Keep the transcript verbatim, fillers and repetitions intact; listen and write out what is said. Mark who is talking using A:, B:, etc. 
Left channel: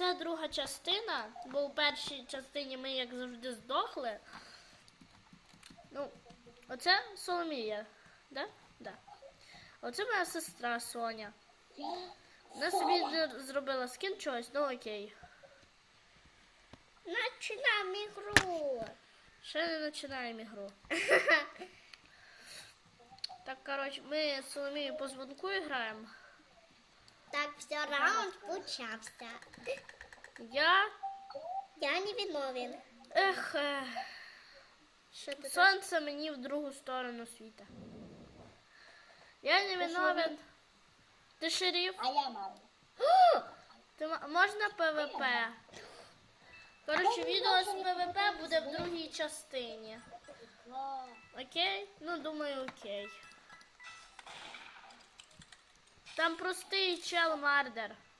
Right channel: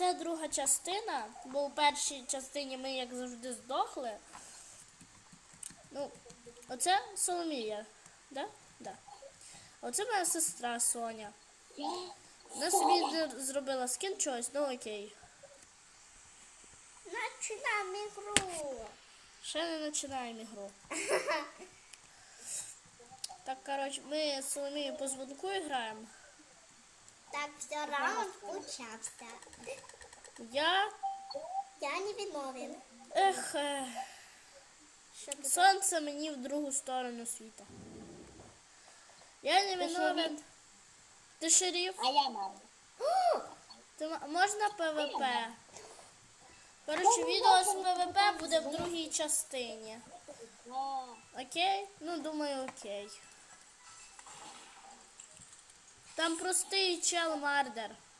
A: Оце друга частина, бо у першій частині ми, як завжди, здохли. Ну, оце Соломія, да? Да. Оце моя сестра Соня. Вона собі зробила скін чогось, ну окей.
B: Начинаем игру.
A: Ще не починаємо ігру. Так, коротше, ми з Соломією по дзвонку граємо.
B: Так, все, раунд почався.
A: Я...
B: Я не виновен.
A: Ех, е...
B: Що ти
A: сонце мені в другу сторону світа. Я не виновен. Ти шериф?
C: А я мама.
A: Ти м- можна ПВП? Коротше, відео з ПВП буде в другій частині. Окей? Ну, думаю, окей. Там простий чел Мардер.